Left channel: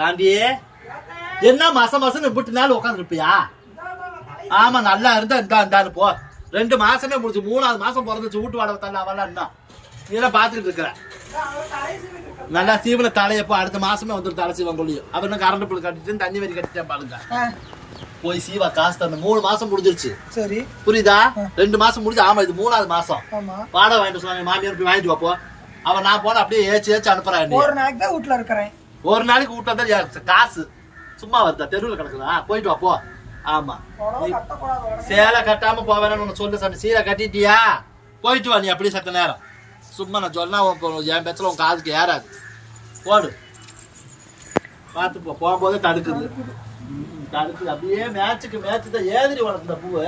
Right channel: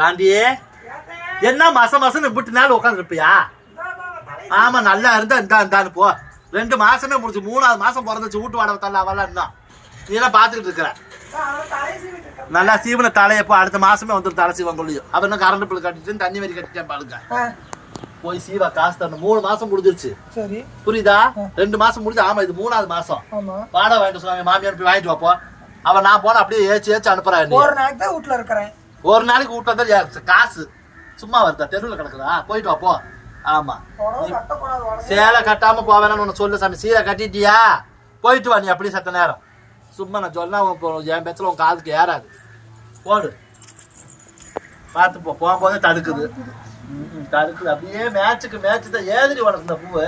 சாந்தியே என்ன மாசம் மாசம் விட்டு நாள் உட்காந்துருப்பியா ஆமா நல்லா இருந்தா இந்தா இந்தான்னு போ. ரெண்டு மாசமே முடிச்சு மூணாவது மாசம் பிறந்துச்சு வீட்டு வாடகை தள்ள அவெல்லாம் இருந்தான் நீ எல்லாம் பாத்துக்கிட்டு இருக்கிற? நல்லா சீவன தலையப்போ அடுத்த மாசமே வந்துடும் தலை சீவன் கொள்ளியும். அவன் தான் கரண்ட் பில் கட்டிட்டு தண்ணி வரி கட்டிட்டேன் பாருங்க. போய் சீவா காசு தரணும். மூணு மாசம் முடிஞ்சிருச்சு. சரி. புரியுதா? ரெண்டு மாசம் முடிஞ்சு ஆமா இது மூணாவது மாசம். வாடகை வாங்கிட்டு சொன்னாங்க மாமியார் போய் வாங்கிட்டு வாப்போ அவன் நான் போன அப்படியே ஏச்சு ஏச்சு அனுப்புறான். ஒரு நாளைக்கு தான் வீட்டுல இருக்கிறேன். ஒரு நாளைக்கு விட்டு வந்தா காசு. சும்மா வருதா? தெருவில் கிடக்குதா? போயிட்டு வா போ. ஆமா. சேலை கட்டாம போவேன்னு உன்னை சொல்லு சாமி. சீலை கட்டிட்டியா? போயிட்டு வா நீ அப்படியே சத்த நேரம். சும்மா நான் சொன்னா என் பேச்சுல உன் காதுக்கு ஏறாது. போடு. பார்த்து போ. போகும்போதே தடுக்குது. தடுக்குது. அப்படியே மேட்சுக்கு மேட்ச் தான் ஏதிரி உனக்கு இந்த பூவு.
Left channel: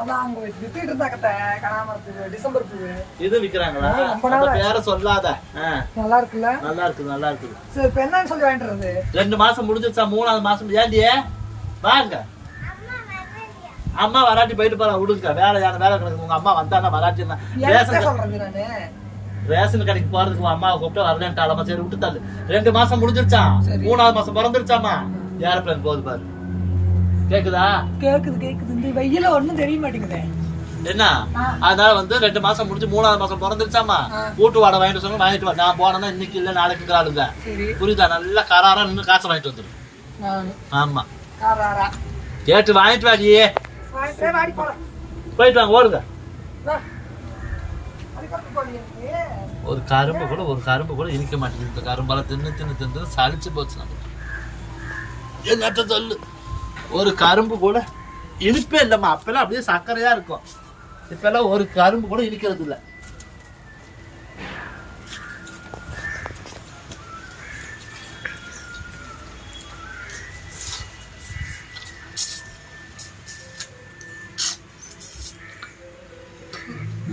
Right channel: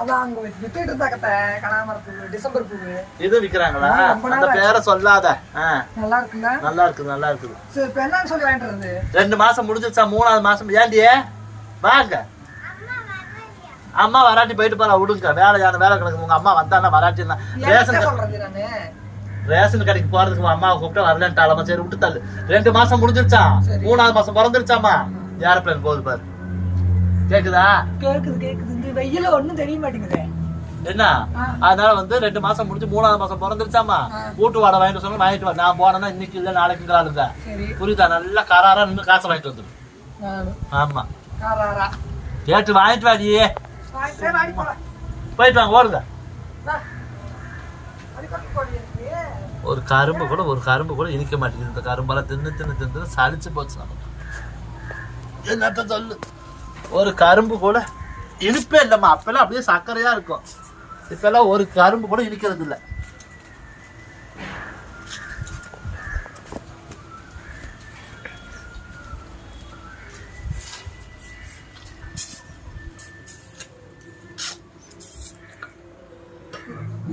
அதான் அங்க வச்சு வித்துட்டு இருந்தாக்கத்த கனாமர பூவு டிசம்பர் பூவு இது விக்கிறாங்களா? ஆ, ரொம்ப அந்த நாளா. பேரை சொல்லாத. ஆ, நல்லா இருக்குல்ல? நல்லா இருக்குது நல்லா இருக்குது. சரி இப்ப என்னன்னு சொல்லி வாங்கிட்டு இருந்து ரெண்டு மாசம் முடிஞ்சிருச்சா? மூணாவது மாசம் ஏண்டியே வாங்க. அம்மா வராட்டி போயிட்டு போறா விடுங்க. வேலையான வேலை கிடக்குது உங்க அம்மா வந்தானா வராட்டி ரேஷன் சொல்றது நானு? ரேஷன் கடைக்கு போறதுக்கு அம்மாவை கூப்பிட்டு வரலன்ட்டாலமா சரி விட்டு தள்ளு ரெண்டு மாசம் முடிஞ்சிருச்சா? சரி. மூணாவது மாசம் பிறந்துருச்சாமா ஏரோப்ளேன் போகுது பாரு. கேக்குதா? கேக்குது கேக்குது. இந்த வெயில ஒண்ணும் தெரிய மாட்டேங்குது. என்ன. அதனால வந்து ரெண்டு மாசம் முடிஞ்சு மூணாவது மாசம் பிறந்துருச்சாமா. வீட்டு வாடகை வாங்கிட்டு சொன்னா வாங்கிட்டு வா. நான் போனேன்னா இன்னைக்கு இல்ல நாளைக்கு சரி. புரியுதா? நல்லா கராரா நின்று காசை வாங்கிட்டு வந்துரு. நானு. ஆமா. கேட்டு வாங்கிட்டு வாடி போறேன் போயிட்டு வாங்க ஓடுங்க. வா. ஒரு கரும்பு கூட ஒரு கரும்பு கூட இனிக்க மாட்டேங்குது. இந்த கரும்பெல்லாம் தின்னு தின்னு தின்னு சலிச்சு போச்சு நமக்கு. என்னட்ட சொல்லு? ஒரு கரும்பு கூட இனிப்பே இல்லைம்மா. அப்பெல்லாம் அப்படியே சர்க்கரையாக இருக்கும். இப்போல்லாம் ஒரு கரும்பு கூட இனிக்கிறது இல்ல.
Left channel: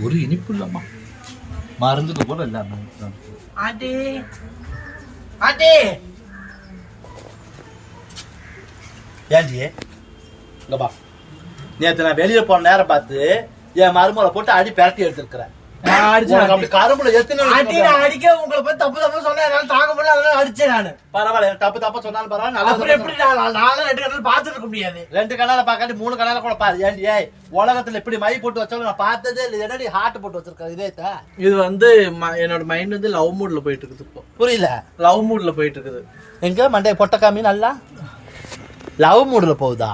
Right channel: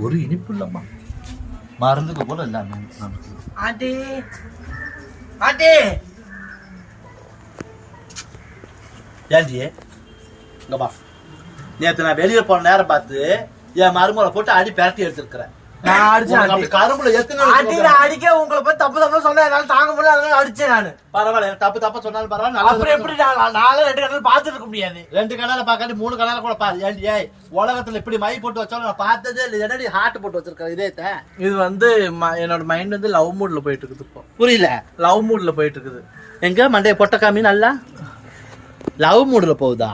ஒரு இனிப்பு இல்லம்மா. மருந்துக்கு போல எல்லாமே நமக்கு ஆண்டி ஆண்டி ஏன்டி? இங்க பா நேத்து நான் வெளியில போன நேரம் பார்த்து என் மருமகளை போட்டு அடி பேரட்டி எடுத்திருக்கிறேன். கரும்புல அடிக்க உங்களை பத்தி தப்பு தப்பு சொன்னா என்னால தாங்க முடியல அதனால அடிச்சேன் நானு. பரவாயில்ல தப்பு தப்பா சொன்னாலும் பரவாயில்ல நல்லா எப்படி நான் நானும் ரெண்டு கடல் பாத்துட்டு இருக்க முடியாது. ரெண்டு கண்ணால பாக்காட்டி மூணு கண்ணால கூட பாரு. ஏன்டி ஏய் உலகத்துல இப்படி மை போட்டு வச்சாலும் நான் பார்த்ததே இல்லை. என்னடி ஹார்ட் போட்டு வச்சிருக்கேன் இதே இது வந்து ம- என்னோட மைண்ட் வந்து லவ் மூட்ல போயிட்டு இருக்குது இப்போ. புரியல. லவ் மூட்ல போயிட்டு இருக்குது. எங்க? மண்டைய பொட்ட காமி நல்லா? லவ் மூடுல போகுதா?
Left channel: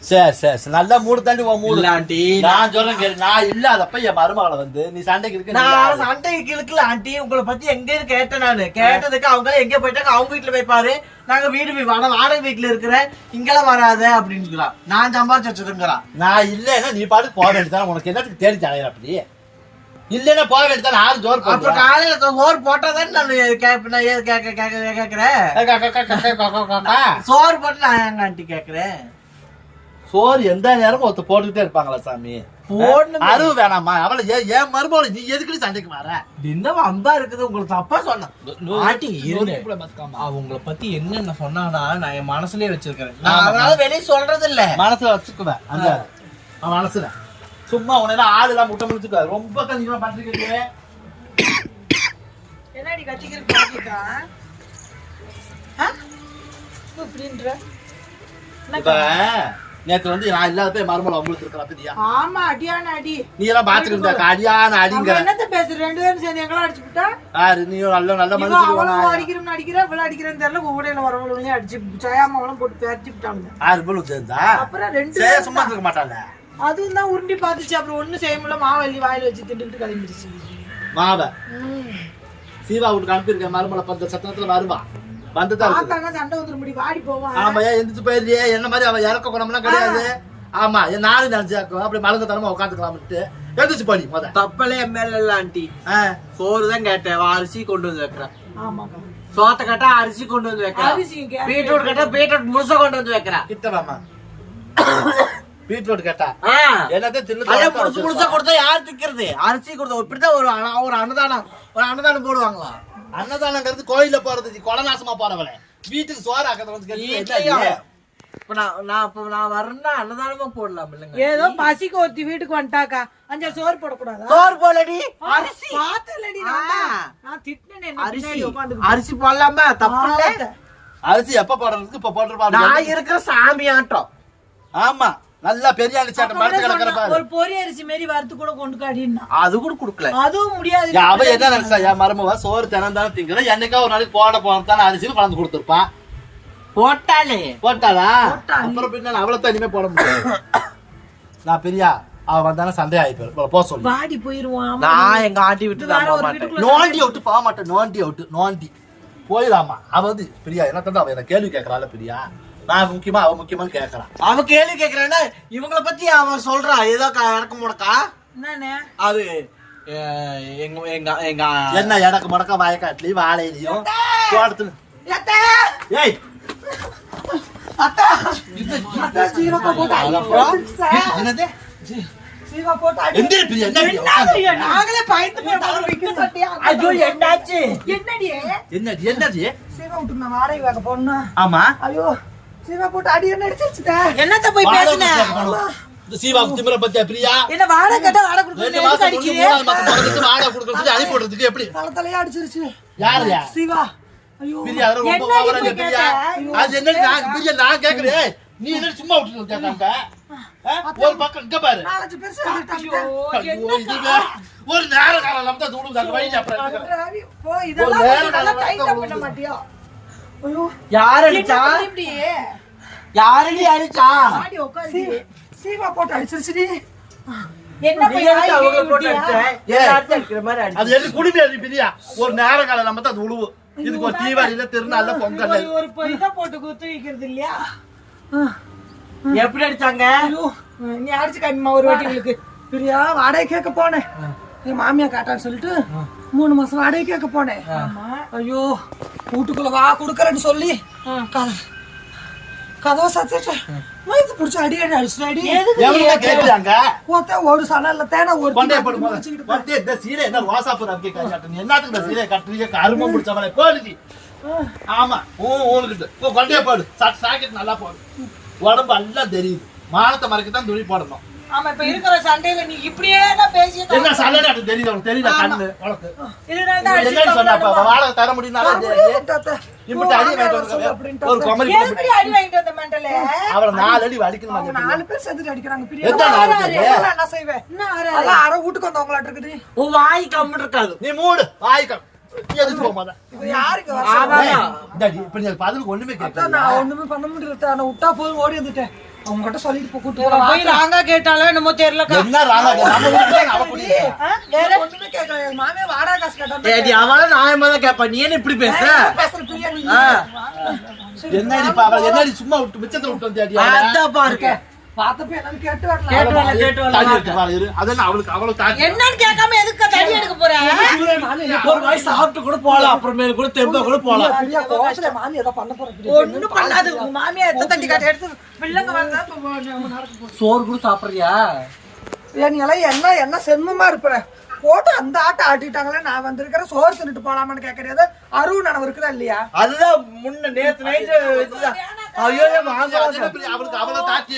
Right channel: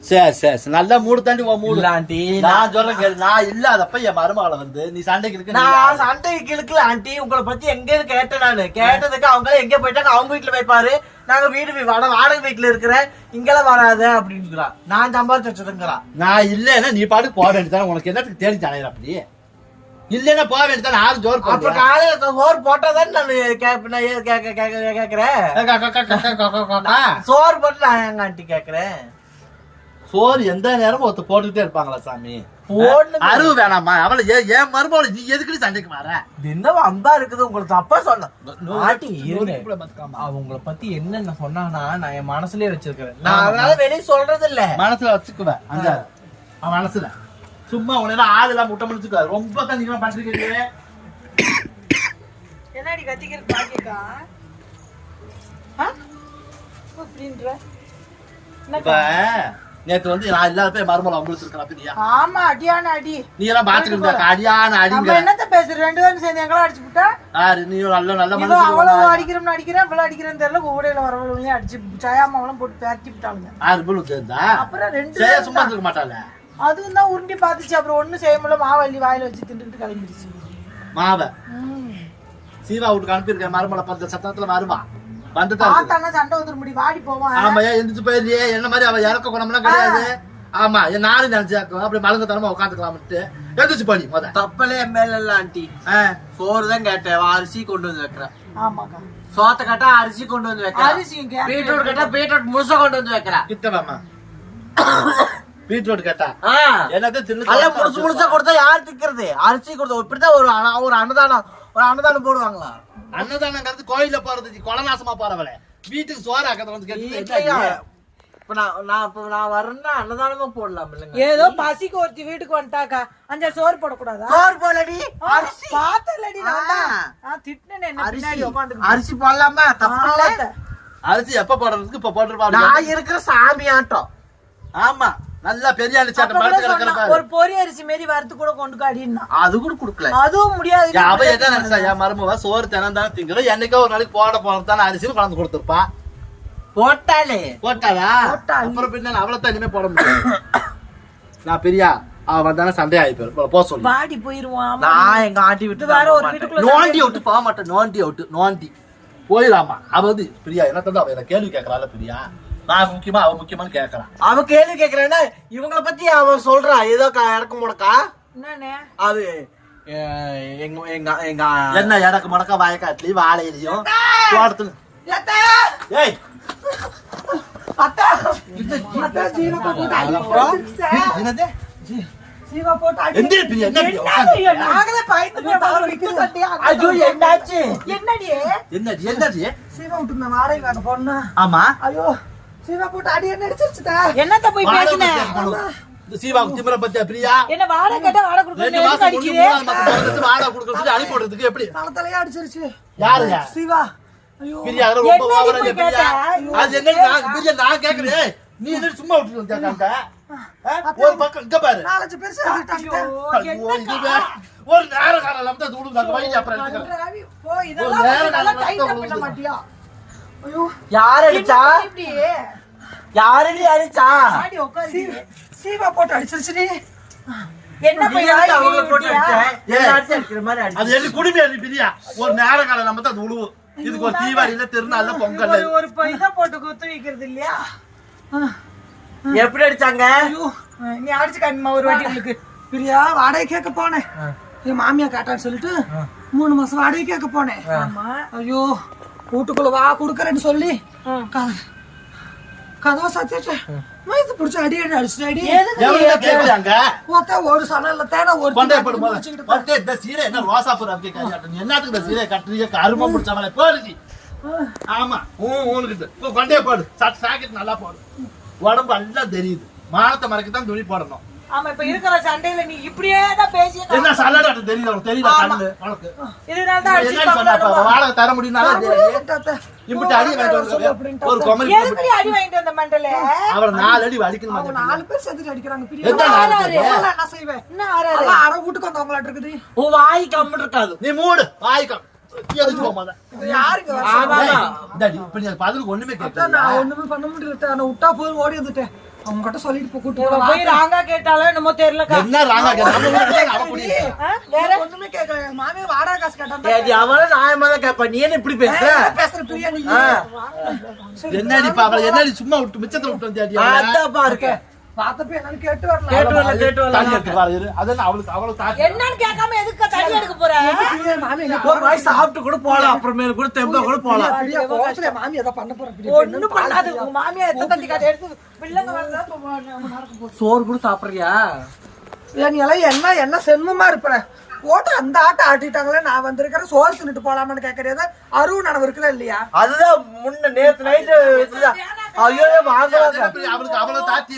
சரி சரி சரி. நல்ல மூடு தாண்டி உன் மூடு. ஆண்டி நான் சொல்றேன் கேளு. நான் இல்லாதப்ப என் மருமகளை வந்து நீ சண்டைக்கு இருக்கு நான்? சண்டைக்கு இழுக்கல ஆண்டி. உங்களை பத்தி எங்க கேட்டேன் நானு. கேட்டதுக்கு அவங்க எங்க போயிட்டாங்க? அவங்க வீட்டுல போய்ப்பாரு நாங்க வீடு வீ- வாடகை வாடகை வீட்டுல இருக்கிறேன் இங்கெல்லாம் வராத அப்படின்னு நான் சம்பாரிச்சு வச்சிருக்கிறான் நான் இல்லைன்னா நீ பாட்டுக்கு போக வேண்டியதானே உனக்கு என்னத்துக்கு தேடி தலையிற அப்படி? இல்லைன்னா போக வேண்டியதானே ஆள் ஜோர் அப்ப பண்ணுறா. காலையில சோறு போட்டாதான் நான் கேப்ப- நான் ஏன் கேக்க- கேக்க- கேக்குறேன்? கா, கா, கா, கா, கா, கா, கா, கா. சோறு போட்டு நான் எங்க ஆண்டி கேக்குறேன்? சோறு எந்த நேரமும் ஒருத்த போட்டுக்கிட்டே இருப்பாங்களா சாமி? போடணும். அருவு வேணாமா? அவளை ஏன் ஏன் மருமகளை நீ எதுக்கு சண்டைக்கு வர? என்ன அம்பா இருக்குது உங்களுக்கு தப்பா சொன்னேன் ஆண்டி இருங்க. இப்படி பார்த்துக்காம. அவ உங்களை பத்தி என்னென்ன சொன்னானா நான் என் மனசுலயே வச்சிருக்கிறேன். நான் அதனால வெளியே சொல்றது இல்ல மனசுல வச்சுக்குவேன். அந்த மனசுல. சும்மா உன ஆள் எல்லாம் முட்டை முடிச்சுக்க ரொம்ப கண்டிப்பா பண்ணிருக்கீங்க என்னடி கத்திக்கிட்டு பாக்கிட்டா? இப்படின்ற? இப்ப நேத்து வந்து நான் இல்லாதப்ப என் மருமலை உங்களுக்கு ஆமா அடியான அடி. நீ எல்லாம் பாத்துட்டு இருந்தா அடியான அடிங்க. என்னத்த பேசுற ரெண்டு பேரும் சேர்ந்து எங்கெல்லாம் அடிச்சு விட்டா யாரு? நீயும் நல்ல நல்ல மனசுக்கு அவ்வளவு அடிக்கிறோம்னு அடிக்கிறேன் இவ்வளவு அடிக்கிறேன்னு தெரியல கூடையில வரவங்களையும் அடிச்சு சாயாமாவெல்லாம் போட்டு பேரட்டி விட்டாங்க ஆறு பேர் சேர்ந்தா? அப்புறம் ரெண்டு பேரும் சும்மா இருக்க மாட்டாள. அதுவும் தான் உருண்டி பாத்துச்சு அப்புறம் ஒண்ணும் செய்ய முடியல. மாவள்ளி வாயில வச்சு திண்டுக்கிட்டு கிளம்பிடுச்சு. மாவ. சீவா வீட்டுக்கு அனுப்பியிருக்கேன். மருமலை பந்த சத்தத்துல வருவா. பார்த்தான்னா சண்டை வந்துட முடியும். வாடி போவான் ஆமா ஏன் எந்திரிச்சு போயிருந்தே என்ன மாதிரி அவ இறக்க குணம்லாம் கிடையாது. ஆமா என் நானும் நினைச்சாக்கும் அப்படி மலங்கத்தனமா உட்காந்துக்கலாம்ட்டு எந்திரிச்சு போடி முத தப்பலே இல்ல ஆண்டி. சோறு தான் கேட்டேன். அரிசி கொண்டு வந்து வைக்கிறேன் ஆமாக்கா. சோத்த கேட்டா அரிசி கொண்டு வந்து வைக்கிறேன் பீட்ரூட் கேட்டா பீட்ரூட் முழுசா கொண்டு வந்து வைக்கிறேன் கிட்ட வாமா பீட்ரூட் கேட்டா. தின்னு அதெல்லாம் முழுசு முழுசா கொடுத்தா யார் திக்கிறது? அரிசி கொடுத்தா இப்படிதான் ஒரு அன- ஒரு அன்னதானம் ஒரு அன்னதானம் போடுவாங்களா? அன்னதானங்கிறது கோயில்ல போறது நீ கொலை நாசமா போறவளே. வீட்டுக்கு சோறு ஆக்கறது வந்து வீட்லயா கேட்டு இப்ப நான் நான் இப்ப நான் வரேன்னா அன்னதானமா போடலாம் இல்லைங்க? ஏதோ பசிக்கு ஒருத்தி வீட்டுக்கு வந்துட்டாக்கா அஞ்சா சோறு போடக்கூடாதா? சோறு போலடி அரிசி. பார்த்தலடி நான் தான். ஆ. நான் திட்டினேன் என்ன அரிசி. உட்காந்து அரிசி போடலாமா? தப்பு இல்ல. அரிசி எப்ப போடுறதுக்கு இப்ப போட்டுருப்பா நான் இருக்கிற சாமி ஆட்டம். ஆமா. நல்லா பெரிய அரிசி ஒரு பொரி அரிசி மாரி வறுத்து கூட கொண்டு காடினா அது கூட குடுக்கல. அதுவும் முடியாது. அவ என்ன நினைச்சா என் மருமவ சோறு தினம் தானே திங்கிறோம் என்னைக்கோ ஒரு நாளைக்கு போட போனதான அரிசியும் கலந்து கொடுத்துருப்பா. போட்டாலே போட்டாளா? போட்டாளே. அப்புறம் பின்ன அவளை தனிமே போட முடியாது. நான் பெரியா அவ வந்தானே சண்டை ஆகி போயிரும். போ சொல்லு. வாடி போயிருவான். நான் எங்க ஆண்டி இது விட்டு வேற ஒரு மாட்டேன். வீட்டுக்குள்ள நோண்டி விட்டு போக மாட்டேன். நோண்டி விட்டு நோண்டி. போயிடாமா அவ வந்து பிரியா என்ன தந்தா அவ என்ன கேள்வி கேட்கறாள் பிரியா. நான் முக்கியமா அவ முக்கியமானு கேட்கறான் அவ கேள்வி கேக்குறேன்னா இவங்கள பத்தி அவ சொல்றா. ஏதோ க- இறக்க முடக்கா? அது எங்க எங்க எங்க என்ன எனக்கு முடக்க? வாயக்காட்டுலயும் வாழையிலையும் தோட்டத்துல. ஏய்? என்னடி, என்னடி போனா ஆமா. ஐயோ சீவா போட்டு அடி என்ன என்னத்த போய் பேசுன? திமிர பத்தியா பிரியா? என்ன வாடகை கேட்டா வாடகை மாசம் மாசம் பிறந்துச்சு வாடகை விடுறதுக்கு எப்படி? தலத்தலையா அடிச்சிருச்சு. யாரு? யா சீவா ஐயோ. பிரியா அதெல்லாம் ரொம்ப என்னடி ஓவரா இப்படி பிரியா? கேட்ட? அது என்ன நான் பிரியா நான் கேக்குறேன். நீ சும்மா கேட்காங்க ஒரு பக்கம் இங்க பாரு. நாலஞ்சு பேர் சேர்ந்துட்டாங்க. ஐயோ, இது வேற. ஒரு நேரம் காலம் தான் அப்புறம் யார் அடிச்சா? யாரடி அடிச்சா. சீவா போட்டு அடிச்சிருச்சுடி. என்ன. அது என்ன குடுமையா பிரியா? ஒரு நேரம் காலம் நம்ம தான் அது உழுவும் இதுக்கு ஒரு தீபாவளியில திருநாள்ல பொங்கல். ஒரு- இதை போட்டு குத்து வைக்கிறது இல்லையா? எப்படி அடிச்சாங்க? ஐயோ, நீ அடிச்சு காமிமா ஒரு வாட்டி உங்களுக்கு பிரியா வாடகை கேட்க போனேன் என் மாமியா கேட்டான்னு சொல்லிட்டு மூணு மாசம் வாடகை கேட்க போனேன் ஐயோ. வீட்டுக்குள்ள வா குடுக்கறேன்னு சொல்லி. கதவை கதவை சத்திட்டேன் வயிற்று பிடிச்ச அடி அடி அடிச்சு அடி. கேட்கறாங்க ஒருத்த ஒரு சனல்ல தேன ஒரு இந்த சீலை என்ன ரோசா பூ அப்படி என்னத்துக்கு இந்த சீலை கட்டுறீங்க? கருமம் பிடிச்சவளை போடுச்சு ஆமா ஊ ஊனுக்கிட்டு. கொண்டே போடு. சட் சாக்கெட் நல்லா போடு. உடம்பு எல்லாம் தெரியுது. மானத்தை மறைக்க தான் துணி போடணும். ஆமா இப்ப இருக்கிற சண்டையில நீ இப்படியே தான் பேசிய என்ன சல்லடாட்டு தெரியுது? உனக்கு தெரியுதா கண்ணு? உனக்கு இதனால தான் என்னன்னு சொன்னா அப்ப வாடகை தர முடியும்னாலும் இப்படி அடி வாங்கிட்டு ஒரு குமரி அடி வாங்கிட்டு வந்த மண்டல? அவரை நாலு அடி அடிக்கணும் நாலு பேர் சேர்ந்து அடிக்கிறாங்க. எந்த நாலு பேரு? என்ன செய்வேன். என்ன ஆறாரு அரை வீட்டுக்கு வந்தவங்களாட்டு இருக்குது. உன் வாய் கம்முன்னு இருக்காது. நீ மூடு நீ பதிலுக்கு ஒண்ணுமே நான் ஒண்ணுமே பண்ண முடியல. நான் விட்டா போய் ஓடி வந்துட்டேன். அவங்க கிட்ட சொல்லிட்டு போ கூட்டு போய் ராங்கா கேட்டாலும் என்னமோ தெரியல என்ன ராங்கா. வேற ஒண்ணுமே கேட்கல மாமே வாடகை காசு கேட்டான் ஏடி அவன் நியாயமா தான் கேட்பா நீ என்ன இப்படி பேசுற? பேசுற பிரியா நீ. ஆ. என்னடி அவளை என்னடி சும்மா விட்டு மிச்சத்தை விட்டு வந்தியாடி அவளை? அதான் பாருக்க பார்த்தப்ப என்னன்னு கேட்டு வரல கேட்டு வரல கேட்டு வரல தண்ணி எடுத்து பாரு, இரு. அதான் அவளுக்கு அவளுக்கு தாக்கி- என்னன்னு கேட்காம எதுக்கு தண்ணி எடுக்க போற? ஒரு வாய் சாப்பிட்டு கூட போலாம் அப்புறமேல கூட தெம்பா கூட போலாம் கோவத்துல மாமி ஏதோ பண்ண போற ஒண்ணும் பண்ணாது உங்க மாமியா எடுத்து தண்ணி காட்டி எடுத்து பிள்ளைங்க வந்தா இப்ப சோறு கூட சாப்பிடுறியா? என் இலை என்ன என்ன செம்முமா இருப்பற? போட்டு அந்த ஆட்டம் ஆட்டிட்டாங்களே நான் வந்திருக்கிறேன் சோறு தின்னுட்டு போலாமான்னு கேக்குறது அருவு நனவு இருக்குதா இல்லையா? அதுதான் முன்ன நேத்து நைட்டு இதுதான் ஐயோ வாங்க அவளுக்கு அவளை கை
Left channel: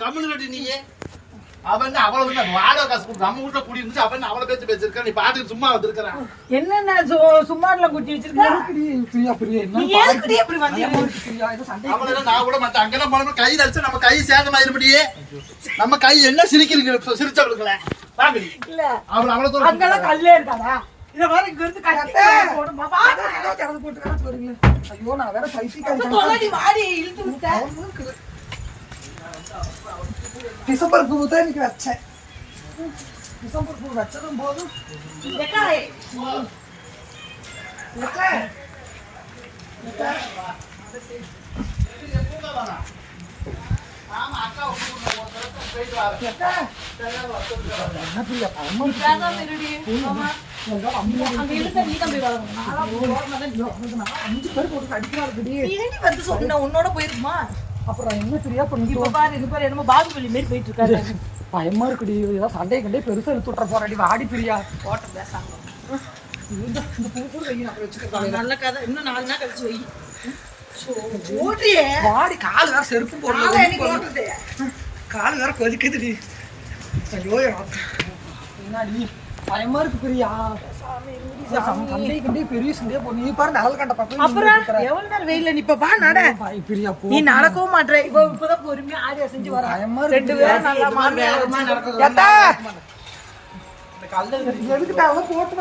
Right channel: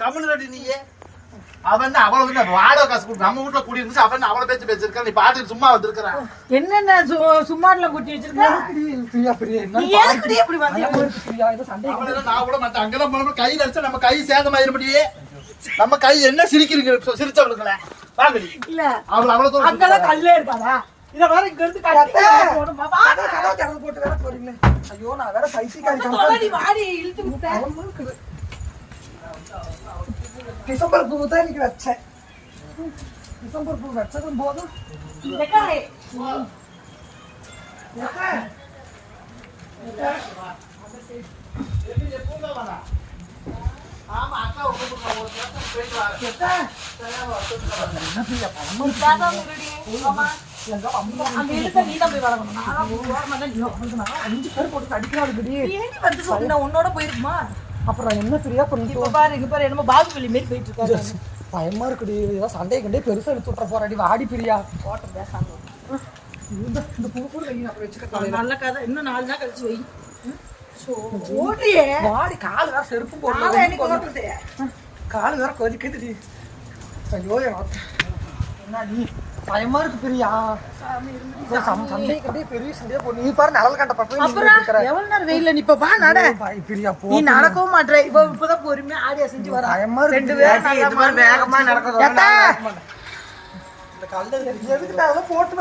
கம்முனு ரெடி நீயே. அவன் அவளை வந்து வாடகை காசு நம்ம வீட்டுல குடி இருந்துச்சு அவன் அவளை பேச்சு பேசிருக்க நீ பாத்துட்டு சும்மா வந்திருக்கிறான் என்னென்ன சும்மாடுல குட்டி வச்சிருக்க? நான் கூட மாட்டேன். அங்கெல்லாம் போனோம்னா கையில அடிச்சு நம்ம கை சேதமாயிருப்படியே நம்ம கை என்ன சிரிக்கிறீங்க சிரிச்சவளுக்குல இல்ல. அவளை அவ்வளவு கல்லே இத வேற இங்க இருந்து கட்டி போடுமா கதவு திறந்து போட்டு வேற போறீங்களே ஐயோ நான் வேற பைத்தியக்காரி வாடி இழுத்து விட்டேன் டிசம்பர் பூ தான் இன்னைக்கு வச்சேன் டிசம்பர் பூ வச்சதும் போதும் எக்காய். எக்காய். எக்காய். அங்க இழுத்த நீ தான் போய் வளர்க்கணும். நான்லாம் போய் ஓரமா தான் நின்னு வளர்க்கணும். அஞ்சு பேர் போட்டு அடிக்கிறாருடி. ஏண்டி வந்து சொல்லு நான் உன்னோட போயிருக்குமா அப்புறம் என்ன சரியா கொஞ்சம் இப்ப பாரு இங்க பாரு என்னமோ பாகுபலி மாரி போயிட்டு இருக்காரு பயமா இருக்குடி இதான் சண்டையை கண்டே பெருசா எடுத்து விட்டுற போறாடி வாடி பிரியா போட்டு பேசாம இந்த இந்த பூ கூட வைங்க அப்புறம் வச்சுக்கிறேன் நல்ல கதை இன்னும் நாலு நாள் கழிச்சு வை ஓடியே வாடி கால் வேற செருப்பு நாளை கால் வேற கொதிக்குதுடி ஐயோ என்னடி பயமா இருக்கு பிரியா. நடக்கவும் மாட்ற. இவ இப்பதான் பொறுமையா ஆடியா செஞ்சு வரா ரெண்டு பேரும் போட்டு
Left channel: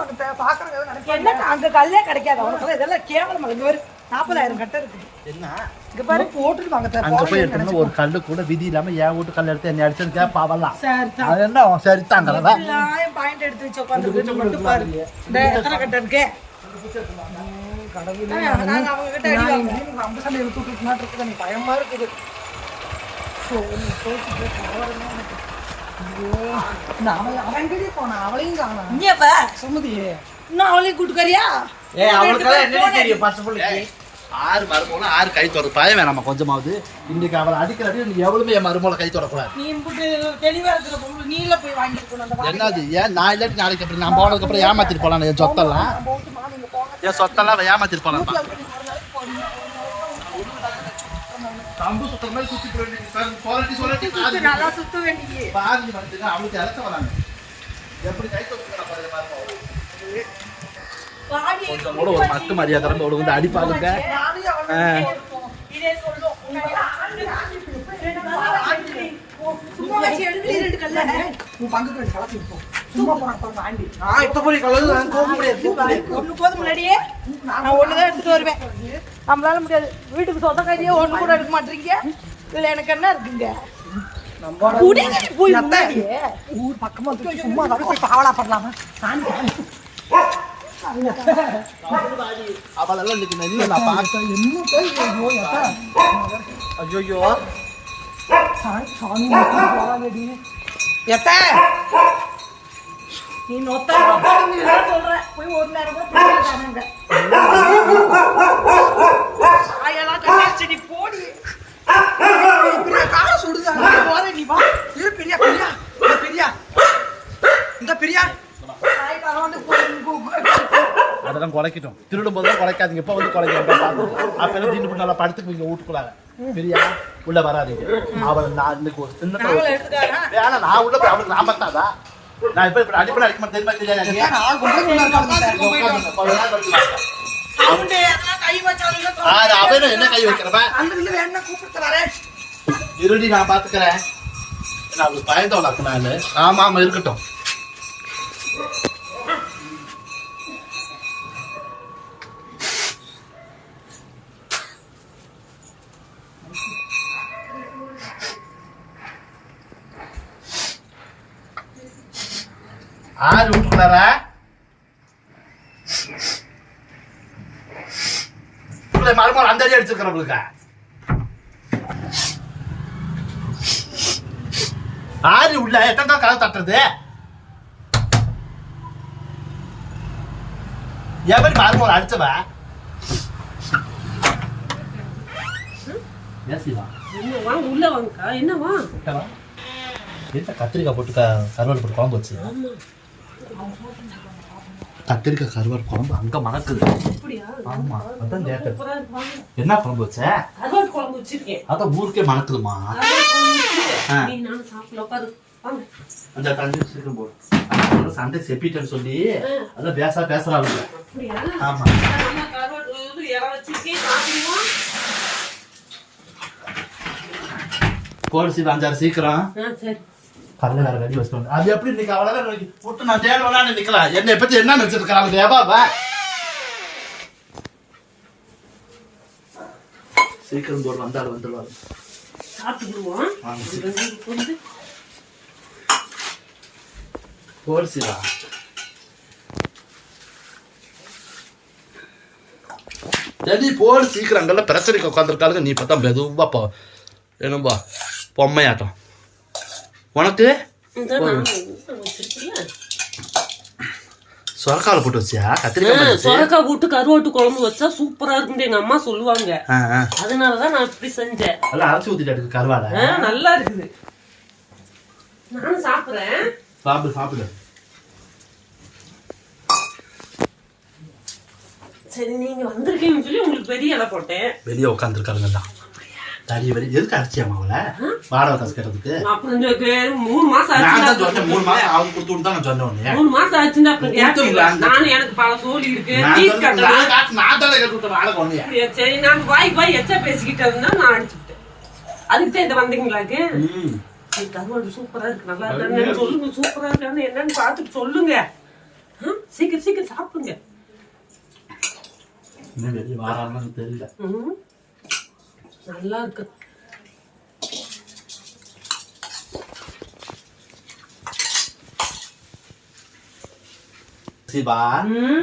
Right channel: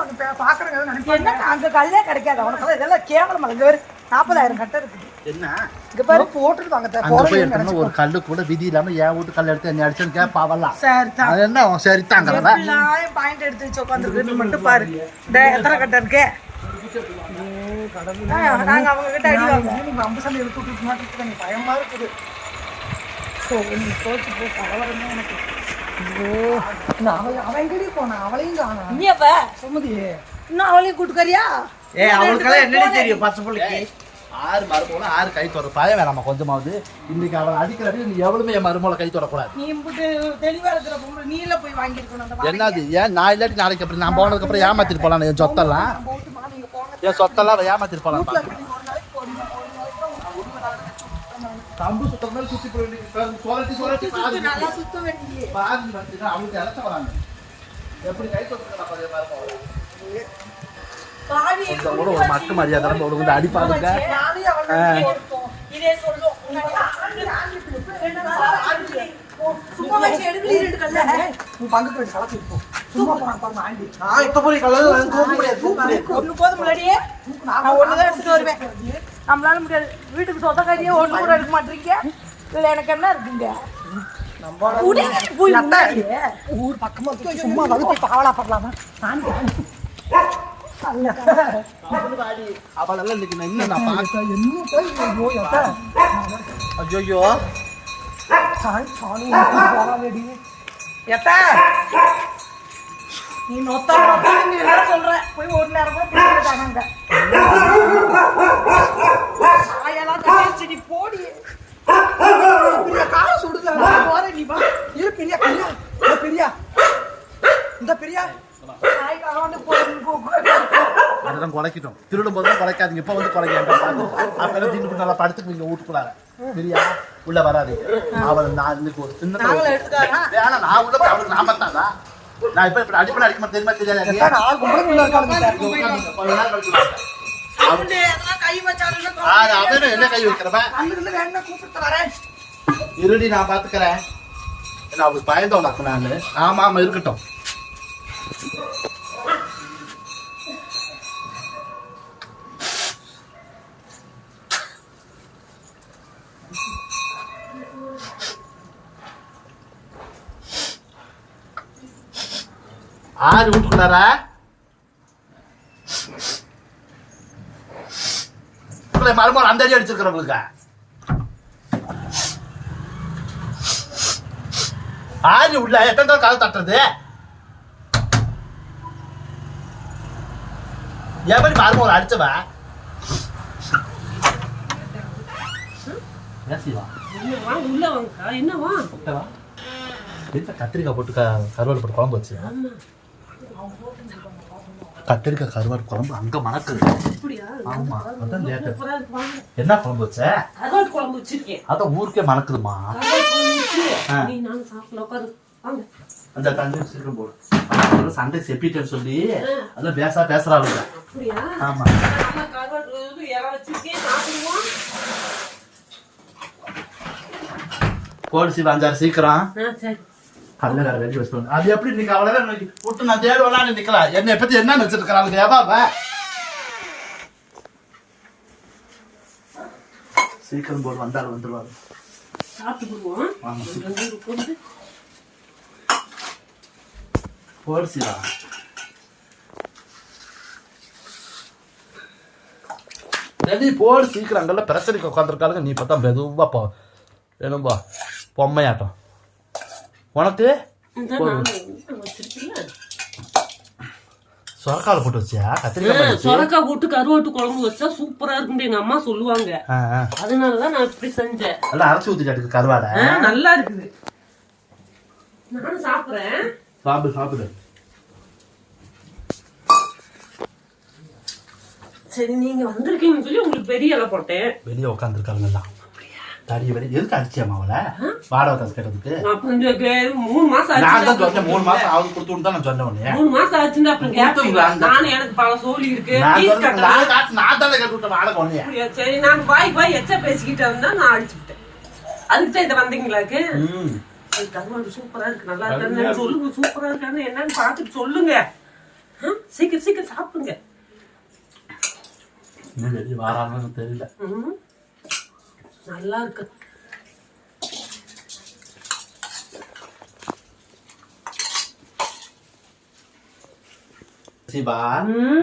என்ன அங்க கல்லே கிடைக்காது? உனக்கு இதெல்லாம் கேவலம் இங்க நாற்பதாயிரம் கட்ட இருக்குது என்ன? இங்க பாரு. போட்டுட்டு வாங்க அங்க போய் எடுத்தோம்னா ஒரு கல்லு கூட விதி இல்லாம என் வீட்டு கல் எடுத்து என்ன சரி அது என்ன அவன் சரி பாயிண்ட் எடுத்து வச்சு உட்காந்துருக்குன்னு மட்டும் பாரு. இந்த எத்தனை கட்ட இருக்கே? ஆ, நாங்க அவங்க கிட்ட அடி வாங்க நீங்க அம்பு சண்டை இழுத்து விட்டுட்டு இருக்குது. எனக்கு பயமா இருக்குது. அவன் அவன் எங்கடி போனான். அவளையும் காணாம். நீ அப்ப சுமதி இன்னும் அவளையும் கூட்டுக்கறியா ஏய் அவனுக்கெல்லாம் என்னடி தெரியும்? பச்சை புள்ளைக்கு. ஆறு மருமகளும் ஆறு கை தொடர். பயம் வேணாமா கொஞ்சமாவது. இன்னைக்கு அவளை அடிக்கிற அடி நீ எவ்வளவுமே என் மருமகளை கை தொடக்கூடாது. நீ தெளிவா இருக்கிற பொம்பளை நீல போய் வாங்கிட்டு என்னது? ஏன் நான் இல்லாட்டி நாளைக்கு அப்புறம் நான் போனதுக்கு அப்புறம் ஏமாத்திட்டு போலாம் என் சொத்தெல்லாம்? என் சொத்தெல்லாம் ஏமாத்திட்டு போலாம் கம்பு சுத்துற மாதிரி சுத்தி போய் சொல்லட்டி சொல்லட்டி பாதி நல்லா சுத்த வேண்டிய பாதி வந்துன்னா அவனுக்கு இழக்க வராங்க. எப்படி கை தொட்டுக்கிறா கொஞ்சம் கூட ஒரு மட்டு மரியாதை நம்ம வந்து ஒண்ணுதான் எடுத்துட்டு வருவேன். நம்மளால முடியாது. வீட்டுக்கு சொந்தக்காரியே ஒண்ணு கூட எடுக்க மாட்டீங்க. இதுல எனக்கு என்ன இருக்குங்க? போய் பக்கமா சும்மா போய் பண்ணலாமா? அவளெல்லாம் இன்னைக்கு நான் என்ன நான் பார்த்தேன் என்ன போய் ஐயோ எத்த சாமி சாமி நீ நொத்தா நொத்தான்னு நீ எல்லாம் சொல்ற போய் ஒரு நேரம் கூட பிள்ளைல காணாங்க ஆயெல்லாம் போடி பெரிய கால சுடுதா நான் போறேன் நீ வா இரு பெரியா பெரியா இந்த பெரியா இந்த பெரியா அதெல்லாம் குலைக்கிட்டோம். திருடும் போது தான் குலைக்காதீங்க. இப்போ வந்து குலைக்க அப்பெல்லாம் திண்டு நல்லா படுத்துக்குவீங்க வீட்டுக்குள்ளார. சரியா உள்ள வராதீங்க அவளை நான் வேணாம் நான் உள்ள போய் அவளுக்கு நான் இப்ப இப்ப அடிப்படை அடிக்க தெரியுமா தெரியாது? அவனும் என்ன கை வைக்கிறவன்? இருடி நான் பாத்துக்கிறேன். நான் அவளுக்கு பயந்தவளாக்கு நானு? ஆமா ஆமா இருக்கட்டும். ஆறு வீட்டுக்குள்ளாரா மருமகள் அந்த அடி அடிச்சிருக்கிறவங்களுக்கு ஆறு உள்ள எத்தனை தான் கால் தட்டுறது? எப்படி மருமகள் அடிச்சவ? என்னவா கத்திரிக்காய் போட்டு கருவாடு போட்டு குழம்பு வச்சு கத்திரிக்காய் கருவாடு குழம்பு அங்க மணக்குது. ஆமா அதான் கேட்டேன். என்ன குழம்பு வச்ச? குழம்பு வச்சிருக்கேன். அதான் ஊருக்கே மணக்குதுமா? அந்த தண்ணி சீக்கிரம் போடு சண்டை செப்பிட்டேன்னு சொல்லி அதான் பேசா பேசுறாங்க ஆமா. போடு சிவா அஞ்சாறு சீக்கிரம். ஆ சரி கல்லு வேற கட்டி வந்து. அது எப்படி நீங்க அவ்வளவுதான் விட்டு நான் தேடுவேலான்னு நிக்கலாம் என்னை பத்தி என்ன நினைச்சிருக்கிறாங்க ஏபாவா சீக்கிரம் போடு வந்தாலும் வந்துருவாங்க சாப்பிட்டுக்குருவோம் வாங்க சீக்கிரம். ரெண்டு பேரும் உட்கார்ந்து. போடு சிவா. டெல்லி போடு சீக்கிரம். அங்கெல்லாம் பிரச்சனைக்கு உட்காந்துருக்காளுங்க நீ பார்த்தா மெதுவா போ. என்னம்பா பொம்மையாட்டம். உனக்கு? சொரக்கால போட்டு வச்சியா? கத்திரிக்காய்? சொரக்காய் போட்டு கருவாட்டு குழம்பு வச்சா சூப்பரா இருக்கும் எங்க அம்மா சொல்லுவாங்க. அதனாலதான் நான் இப்படி செஞ்சேன். எல்லாம் அரைச்சி ஊத்திட்டு கருவாடை? நல்லா இருக்குது. நானும் சாப்பிடுறேன். சாப்பிடு சாப்பிடு. சரி நீங்க வந்திருக்கீங்கன்னு சொல்லி உங்களுக்கு பெரிய இலை போட்டேன். வெளியே உட்காந்துருக்காருங்கண்ணா தடி வரி எதுக்கு அடிச்சியாமா அவளை? வாடகை காசு கட்டுறதுக்கு. அப்புறம் மூணு மாசம் நான் தான் ஆச்சு சொன்னேன் மூணு மாசம் அவங்க கொடுத்து விட்டு தான் நான் சொன்னேன் உடனே மூணு மாசம் ஆச்சுன்னா அப்புறம் கேட்டீங்களா கொடுத்துருக்கலாம். நானும் எனக்கு பல சோழி இருக்கு. நான் தானே கட்டி விட்டேன் வாடகை? சரி நான் வாய் வாய் எச்சா பேசிக்கிட்டு இருந்தா நான் அடிச்சு விட்டேன். அதுக்கு தான் இதை? வந்தீங்களாக்கு ம். அது கருவாடு சூப்பரா இருக்கு. நல்லா இருக்கு. சொல்லுங்க சூப்பரா இருக்கான்னு என்னன்னு பார்த்துட்டு சொல்லுங்க. சீக்கிரம் சீக்கிரம் சாப்பிடுங்க. இன்னும் வெளியே வாரான்னு தெரியல. ம். நல்லா இருக்கு சிபா.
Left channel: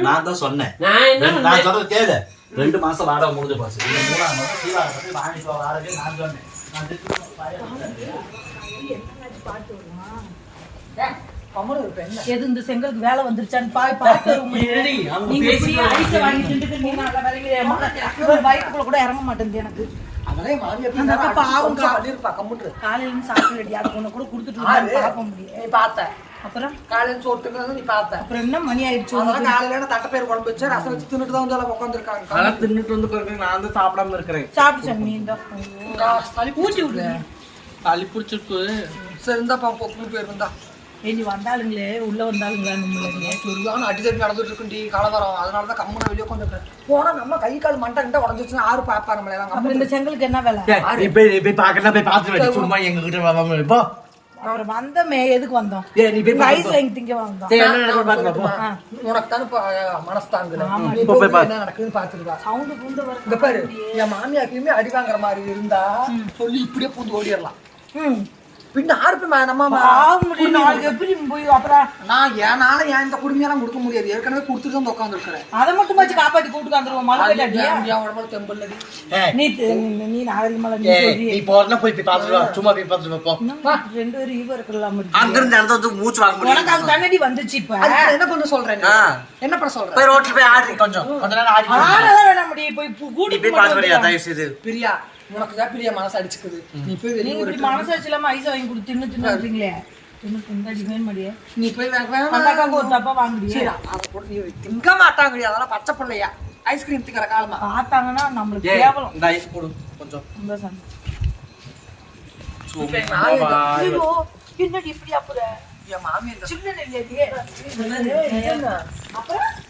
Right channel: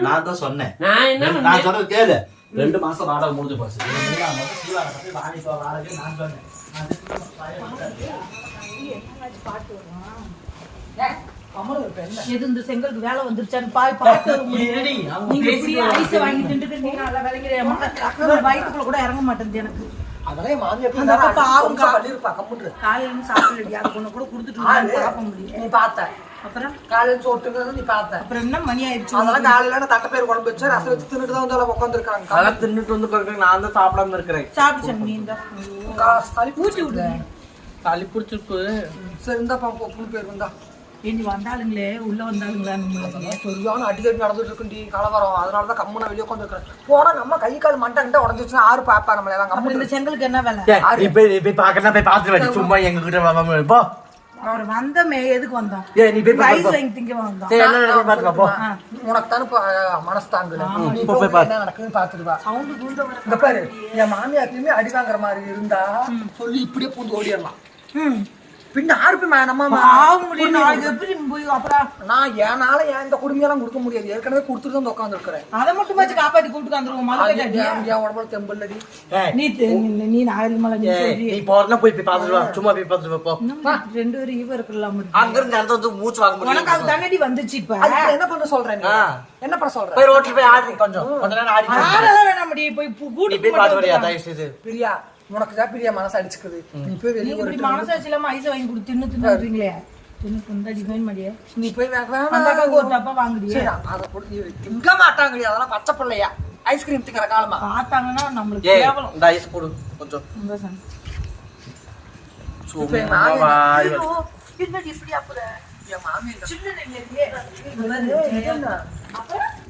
நான் தான் சொன்னேன். நான் சொல்றது கேளு. ரெண்டு மாசம் முடிஞ்சு போச்சு. எது இந்த செங்கலுக்கு வேலை வந்துருச்சான்னு பாய் பாட்டு வாங்கி கூட இறங்க மாட்டேங்குது எனக்கு. அதெல்லாம் மாமியார் அந்த அக்கா பாவம் பண்ணிருப்பா கம்முட்டு காலையில இருந்து சாப்பிட்டு அது ஒண்ணு கூட கொடுத்துட்டு பார்க்க முடியும் நீ பார்த்த. அப்புறம்? காலையில சோட்டுங்கிறது நீ பார்த்த. அப்புறம் என்ன மணி ஆயிடுச்சு? அதெல்லாம் காலையில நான் தட்டை பேர் குழம்பு வச்சு ரசம் வச்சு தின்னுட்டு தான் வந்து உட்காந்துருக்காங்க அதெல்லாம் தின்னுட்டு வந்து நான் தான் சாப்பிடாம இருக்கிறேன். சாப்பிட்டு சாமி இந்த. ஊட்டி விடு சளி பிடிச்சிருக்கு. சரி இருந்தா பொப்புன்னு பேர் இருந்தா இனி வந்தாளுங்களே உள்ள வந்தாளுங்களா சரியான அடிதடி நடந்துட்டு இருக்குண்டி கலவரம். அதனால தான் கம்முன வெளியே உட்காந்துருக்கேன் போனா நம்ம கை கால் மண்டை கிட்ட உடஞ்சிச்சுன்னா ஆறு பாப்பா நம்மள எல்லாம் இந்த செங்கலுக்கு என்ன வேலை? நீ போய் போய் பாக்கலாம் போய் பார்த்துட்டு வாடி. சும்மா எங்க கிட்ட அவர் வந்தமே எதுக்கு வந்தோம்? நீ போய் ஐஸ் வாங்கி திங்க வந்தோம். பார்க்கலாம். உனக்கு தானே மனசு தாங்குது என்ன நடக்குதுன்னு பாத்துட்டு வா. சவுண்டு இங்க பாரு என் மாமியாருக்குமே அடி வாங்குற மாதிரி இருந்தா சொல்லி இப்படியே பூந்து ஓடிடலாம். ம். பின்ன ஆறு போய் நம்ம போய் அப்புறம் நான் என்னால ஏன் இந்த குடுமையெல்லாம் கொடுக்க முடியாது? ஏற்கனவே கொடுத்துட்டு வந்து உட்காந்து இருக்கிறேன் அதை மட்டும் வச்சு காப்பாத்தி கூட்டு வந்துருவோம் உடம்புல தெம்பல்லடி நீ நீ- போய் போய் பார்த்துட்டு வா. சும்மா போய் பார்த்துட்டு வா, போ. ரெண்டு பேரும் ஈவ இருக்கலாம் அங்க இருந்து இடத்த வந்து மூச்சு வாங்க உனக்கு அது தண்ணடி வந்துச்சு இப்ப. என்ன பண்ண சொல்றேன்? என்ன பண்ண சொல்ற போய் ரோட்ல போய் ஆடி கொஞ்சம். கொஞ்ச நேரம் ஆடி. ஆளதான் வேணாம் முடியும் போய் கூட்டிட்டு போய் பிரியா உனக்கு தான் பிரியா மனசு அடிச்சுக்குது. நீ போய் வெளியே நீங்க இப்படி மனசாட்சி இல்லாம ஐஸ் வாங்கி கொடுத்து தின்னு தின்னுறீங்களே நீ போய் திங்க மாட்டாங்கடி. அதெல்லாம் பச்சை பிள்ளையா. ஐஸ்கிரீம் திங்கிற காலமா. பார்த்தாங்கன்னா நம்மளுக்கு கேவலம். இந்த ஐஸ் போடு கொஞ்சம். இந்த. ஐயோ, என்னடி இப்படி. அப்புறம்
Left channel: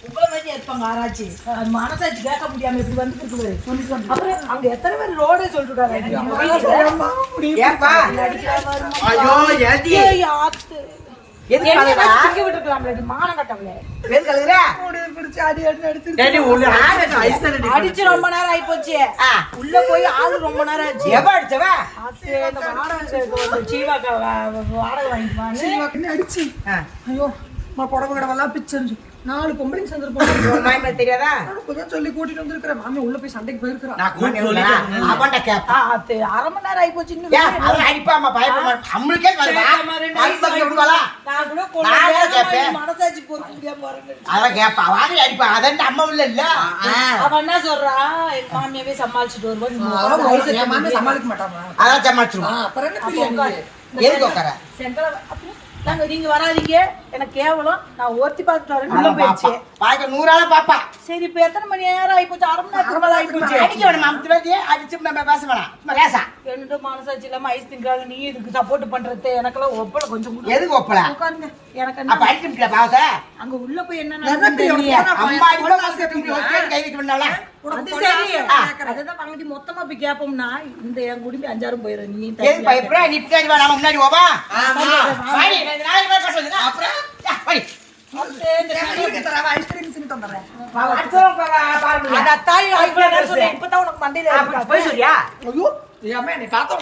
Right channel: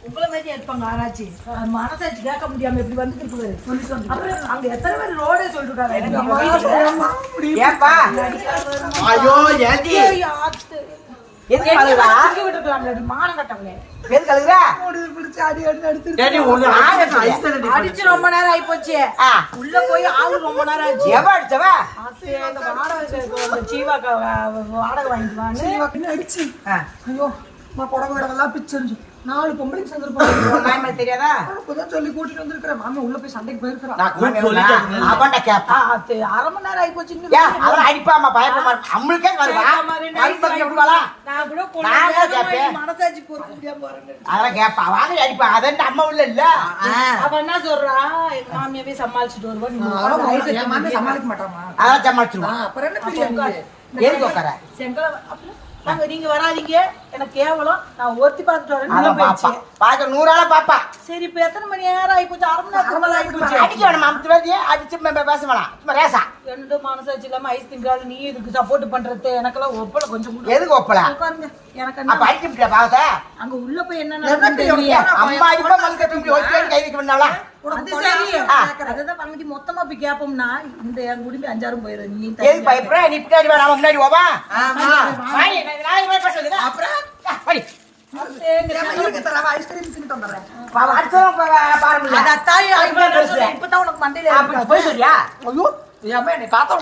உங்களை மாதிரி இருப்பாங்க ஆராய்ச்சி மனசாட்சி கேட்க முடியாம எப்படி வந்து அப்புறம் அங்க எத்தனை பேர் ஏப்பா? ஐயோ அடிச்சு ரொம்ப நேரம் ஆயி போச்சு உள்ள போய் ஆளு ரொம்ப நேரம் ஆச்சு எவ அடிச்சவ? சீவாக்கா வாடகை வாங்கிட்டு வாங்க அடிச்சு. ஐயோ புடவை கடவெல்லாம் பிச்சிருச்சு நாலு பொம்பளைங்க மாமியார் தெரியாதா? இப்பதான் சொல்லி கூட்டிட்டு வந்திருக்கிறேன். மாமி உள்ள போய் சண்டைக்கு போயிருக்கிறா. நான் கூப்பிட்டு சொல்லிட்டேன். அவன்கிட்ட கேப்பா அது அரை மணி நேரம் ஆகி போச்சுங்க அவன் அடிப்பாமா பயப்பட மாட்டான் நம்மளுக்கே மனசாட்சி பொறுக்க முடியாம அதெல்லாம் கேப்பா. வாங்க அடிப்பா. அதான் அம்மா உள்ள இல்ல. அவ என்ன சொல்றா? எங்க மாமியாவே சமாளிச்சுட்டு மாமி சமாளிக்க மாட்டாமா அதான் சமாளிச்சிருவான் அப்புறம் என்ன? எதுக்கு உட்கார? நாங்க நீங்க வராதீங்க. எனக்கு கேவலம். நான் ஒருத்தி பார்த்துட்டு வரேன். போயிடுச்சு பாக்க நூறால பாப்பா. சரி இப்ப எத்தனை மணி நேரம் ஆகி போச்சு? அரை மணி ஆகி போச்சு. அடிக்க வேணாம் அமுத்து வேண்டிய அடிச்சு பேச வேணாம் சும்மா லேசா. என்னதோ மனசாட்சி இல்லாம ஐஸ் திங்காது நீ இதுக்கு சப்போர்ட் பண்றது. எனக்கெல்லாம் ஒப்பல கொஞ்சம் எதுக்கு ஒப்பல? உட்காருங்க. எனக்கு அப்ப என்ன? அடிக்க முடியாது பாவத்தை? அங்க உள்ள போய் என்ன. அம்மா கை சரி அதுதான் மொத்தமா போய் கேப்போம்னா இந்த என் குடும்பம் அஞ்சாரும் போயிடும் நீ எதுக்கு பயப்படுற நீ பின்னாடி வா நம்ம முன்னாடி போவா வாடி நான் அப்புறம் வாடி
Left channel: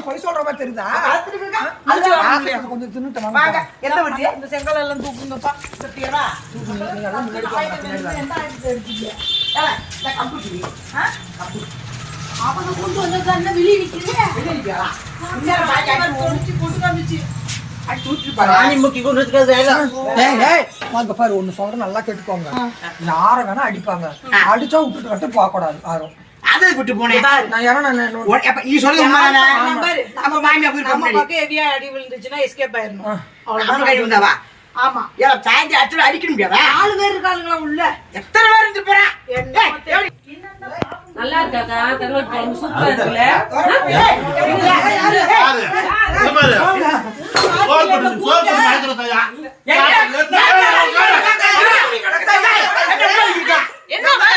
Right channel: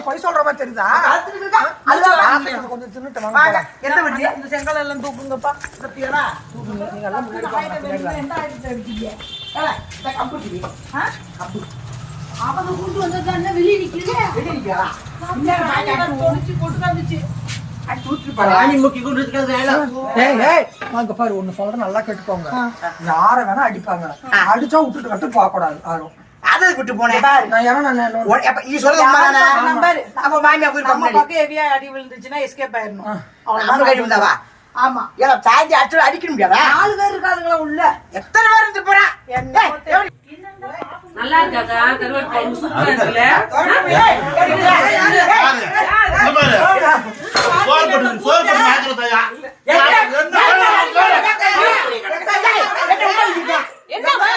போய் சொல்ற மாதிரி தெரியுதா? அதுதான் கொஞ்சம் செங்கல் எல்லாம் தூக்குங்கப்பா. இந்த கம்புட்டி? அவங்க கொண்டு வந்தது வெளியே நிக்கிறீங்க? வெளிய நிக்கிறா? ஒண்ணு சொல்றேன் நல்லா கேட்டுக்கோங்க. யார வேணா அடிப்பாங்க. அடிச்சா விட்டுட்டு கட்டு போக கூடாது யாரும். அதை விட்டு போனேன். நீ? நம்பர். அப்ப மாமியா போய் நம்ம கம்பெனி பக்கம் ஹெவியா அடி விழுந்துச்சுன்னா எஸ்கேப் ஆயிடணும் நம்ம கை வந்தாவா ஆமா ஏன் சாய்ஞ்சி அடிச்சு அடிக்க முடியாதா நாலு பேர் இருக்காளுங்களா உள்ள எத்தனை பேர் இருந்து போறா என்ன? நல்லா இருக்காக்கா கருவாட்டு சூப்பரா இருக்குல்ல யாரு? இங்க பாரு. சோறு போட்டு சோறு போட்டு வாங்கிட்டு வந்தாயா? என்னம்மா?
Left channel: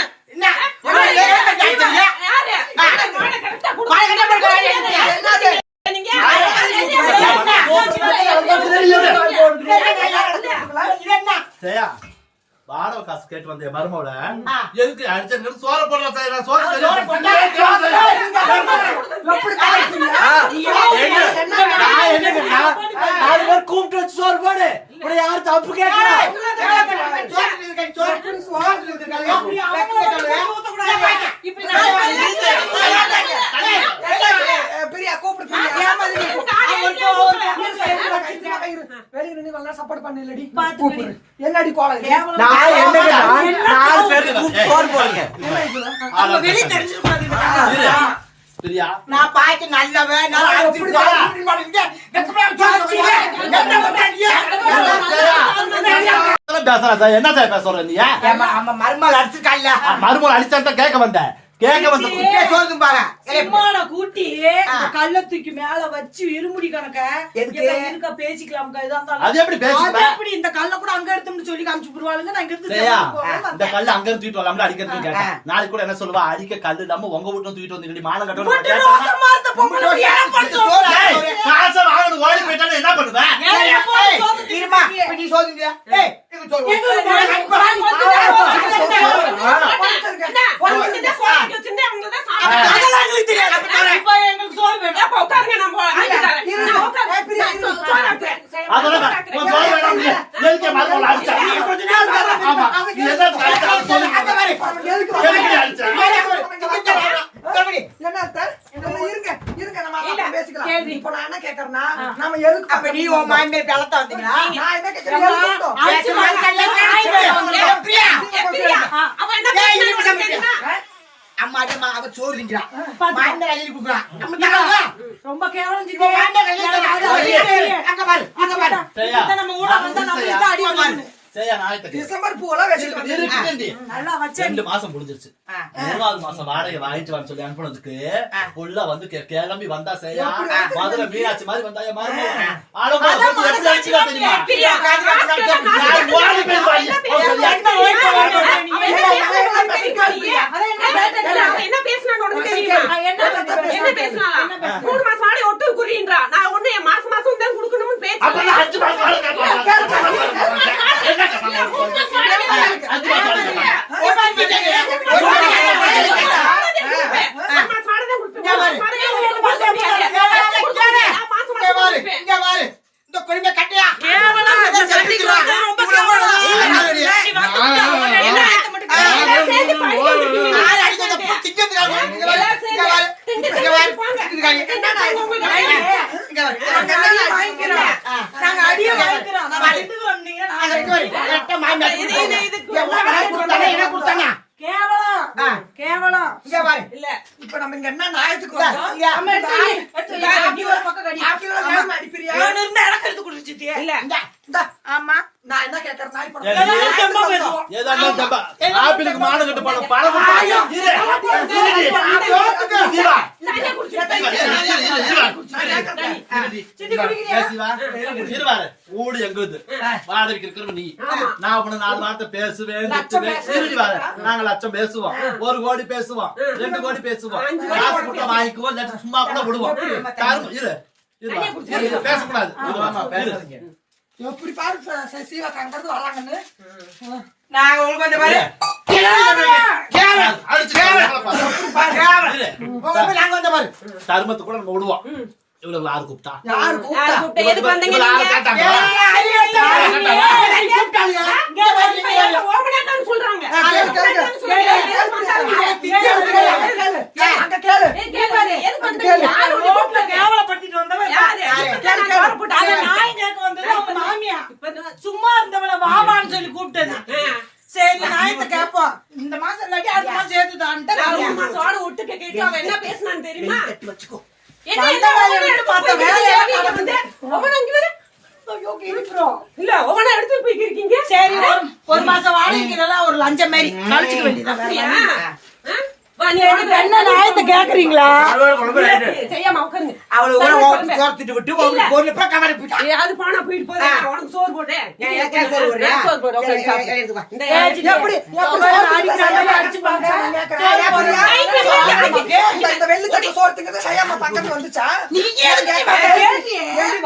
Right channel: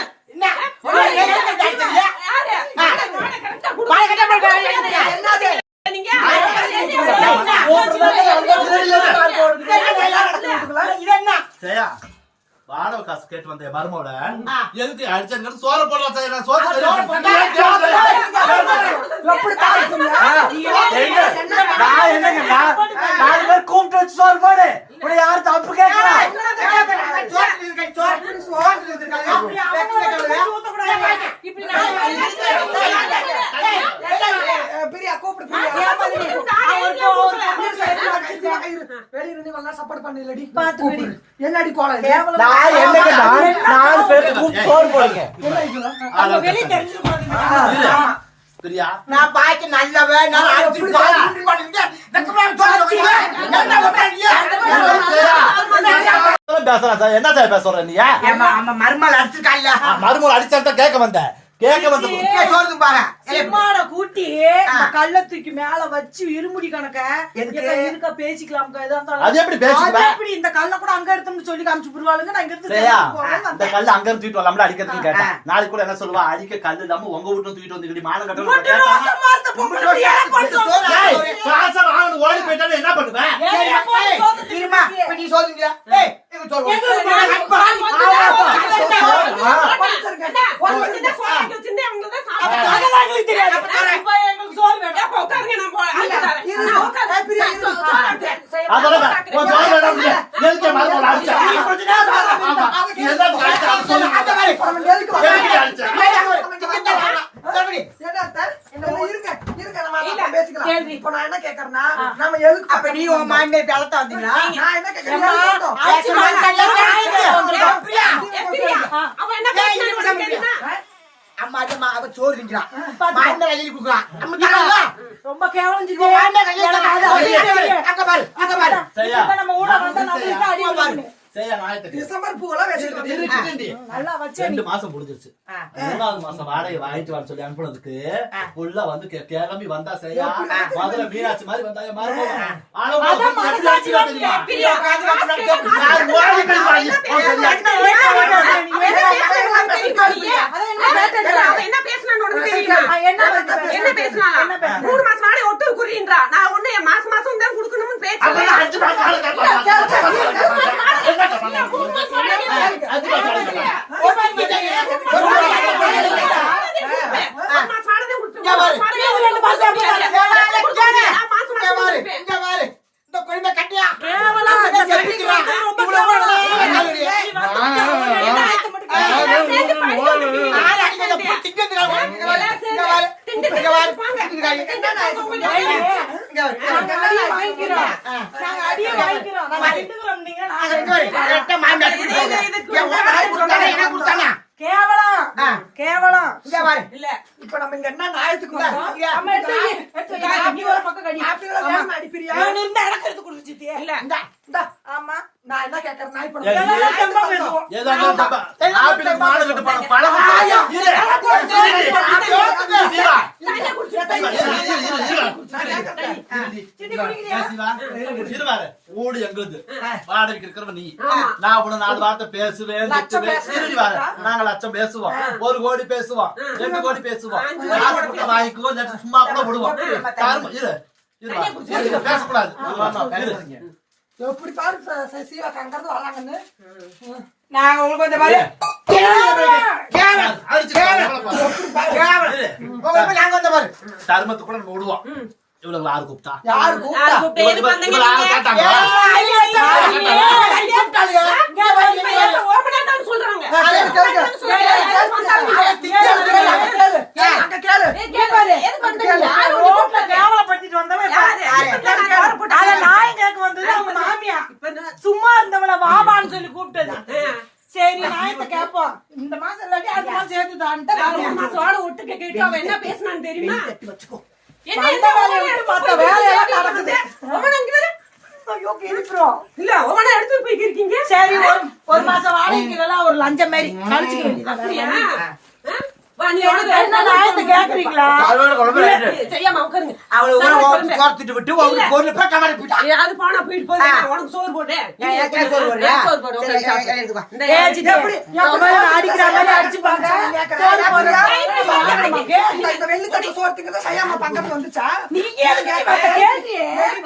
ஜெயா, வாடகை காசு கேட்டு வந்தேன் மருமவள எதுக்கு அடிச்சு சோற போடுறா ஜெயா, நான் சோறு நான் என்னங்கண்ணா நாலு பேர் கூப்பிட்டு வச்சு சோறு போடு இப்படி யாரும் தப்பு கேட்கல பெரியா கூப்பிடு பெரியா வெளியே நின்று நல்லா சப்போர்ட் பண்ணலடி கூப்பிடு. என்னடி கோலம் இது? நான் என்னங்க நாலு பேர் கூப்பிட்டு சோறு போடுங்க என்ன இது? இரு. பிரியா? நான் நல்லவன். நான் பண்ணுங்க வெக்கப்படாம சோறு வைக்கிறீங்க என்ன பண்றீங்க பேசுறா என்ன பேசுற நீ நம்ம மருமகள் அடிச்சிருக்காள்ல மருமகள் அடிச்சான் கேட்க வந்தேன். கேட்க வந்து சோறுக்கு பாரு சிம்மான கூட்டி இந்த கல்ல தூக்கி மேல வச்சு இருமுடி கணக்க இருக்க பேசிக்கலாம். அது எப்படி அது பேசிக்கலாம் எப்படி இந்த கல்ல கூட அங்க எடுத்தோம்னு சொல்லி காமிச்சு புடுவாளுங்க நான் இங்க இருந்து இந்த. கல்லு அங்க இருந்து தூக்கிட்டு வரலாம்ல அடிக்கிறதுக்கு கேட்டேன் நாளைக்கு கூட என்ன சொல்லுவா அடிக்க கல்லு இல்லாம உங்க வீட்டுல தூக்கிட்டு வந்து மானம் கட்டணும் ஓடி என்ன பண்ணுவேன் நீ ஏய் ஆக்கி தான் இப்ப எங்களுக்கு சோறு உட்காருங்க? ஆமா. நீ என்ன இருங்க இருங்க நம்ம பேசிக்கலாம். இப்ப நான் கேக்குறேன்னா நம்ம எதுக்கு அப்ப நீ உன் மாமே பலத்த வந்தீங்களா நான் என்ன கேக்குறேன் அப்ப என்ன அம்மா அம்மா அவ சோறு திங்கிறான் மாயந்த கையில் குடுக்குறான் நம்ம ரொம்ப கேவலம் ஜிஜி. மாயந்த கையில் தரான் அங்க பாரு அங்க பாரு நம்ம ஊட வந்தா நம்ம அடி. டிசம்பர் பூவெல்லாம் வந்து இருக்குடி. நல்லா ரெண்டு மாசம் முடிஞ்சிருச்சு. மூணாவது மாசம் வாடகை வாங்கிட்டு வான்னு சொல்லி அனுப்புனதுக்கு உள்ள வந்து கிளம்பி வந்தா சரியா? மதுரை மீனாட்சி மாதிரி வாங்கி- என்ன பேசுனா? மூணு மாசம் வாடகை ஒட்டு குறின்றா. நான் ஒண்ணு மாசம் மாசம் தான் கொடுக்கணும்னு பேச்சு அப்ப நான் அஞ்சு மாசம் வாடகை கேட்பாங்க. என்ன கேட்பாங்க? அஞ்சு மாசம் வாடகை கேட்பாங்க. ஒரு மாசம் வாடகை தான் கொடுப்பேன். ஒரு மாசம் வாடகை ஒரு மாசம் வாடகை. நான் மாசம் இங்க மாசம் பாரு கொடுப்பேன். இங்க பாரு இந்த குடும்ப கட்டியா நாங்க அடியை வாங்கிக்கிறோம் நாங்க திண்டுக்கிறோம் நீங்க நாங்க கேவலம். கேவலம். இல்ல. இப்ப நம்ம இங்க என்ன நியாயத்துக்கு எடுத்து. நீ ஒரு பக்கம் கடி. ஆப்பிள வேகமா அடிப்பிரியா? நான் இருந்தா எனக்கு எடுத்து குடிச்சிட்டியே. இல்ல. இந்தா, ஆமா. நான் என்ன இப்ப எல்லாம் தெம்பா. பேசுவோம். மாடு கட்டு பழக்கம் இரு. இரு. ஊடு. வாடகைக்கு இருக்கிறவ நீ. நான் உன்னை நாலு வார்த்தை பேசுவேன். நாங்க லட்சம் பேசுவோம். ஒரு கோடி பேசுவோம். ரெண்டு கோடி பேசுவோம். காசு கொடுத்தா வாங்கிக்குவோம் சும்மா கூட விடுவோம். இரு இரு. இரு, பேசக்கூடாது. எப்படி பாரு ச- ச- சீவா தங்கறது வராங்கன்னு. நாங்க உங்களுக்கு கொஞ்சம் பாரு அடிச்சு இரு. நாங்க வந்த பாரு தர்மத்தை கூட நம்ம விடுவோம் இவ்வளவு ஆறு கூப்பிட்டா யாரு கூப்பிட்டா? யார் கூப்பிட்டு எது இவ்வளவு பண்ணீங்க இவ்வளவு ஆறு நீங்க? கேட்டாங்களா இப்ப ஏன் ஒரு மணி நேரம் சொல்றாங்க கேளு, கேளு, கேளு. கேளு, கேளு, கேளு. அங்க கேளு. ரோட்ல கேவலப்படுத்திட்டு வந்தவன் இப்ப- யாரு? யாரு? நான் கவர் போட்டு அத நாய் கேட்க வந்தது அவங்க மாமியா சும்மா இருந்தவள வாமான்னு சொல்லி கூப்பிட்டது சரி நாயத்தை கேட்போம் இந்த மாசம் இல்லாட்டி அடுத்த மாசம் சேர்த்துதான்ட்டு நான் வேலையை மூணு மாசம் வாடகை ஒட்டு கேட்டு அவன் என்ன பேசுனான்னு தெரியுமா வச்சுக்கோ என்ன வந்த என்ன வேலையை ஒவ்வொரு எடுத்து பார்த்த போய் வேலையா கிறுக்கி நடக்குது. இருக்குது? ஒவ்வொரு அங்க வரு. ஐயோ கிழிப்புறோம் இல்ல ஒவ்வொரு எடுத்து போய் இருக்கீங்க சரி ஒரு ஒரு மாசம் வாடகைக்கு நல்லா ஒரு லஞ்சம் மாரி கழிச்சுக்க வேண்டியது அப்படியா ஆ? வா, நீ வந்து என்ன நியாயத்தை கேக்குறீங்களா. செய்யாம உட்காருங்க. அவளை ஊரை ஓட்டு தோர்த்துட்டு விட்டு உங்களுக்கு பொருள் போய் கவரை போயிட்டா ஏய், அது போனா போயிட்டு போகுது. நான் உனக்கு சோறு போடுறேன். நீ சோறு சோறு வந்துச்சா?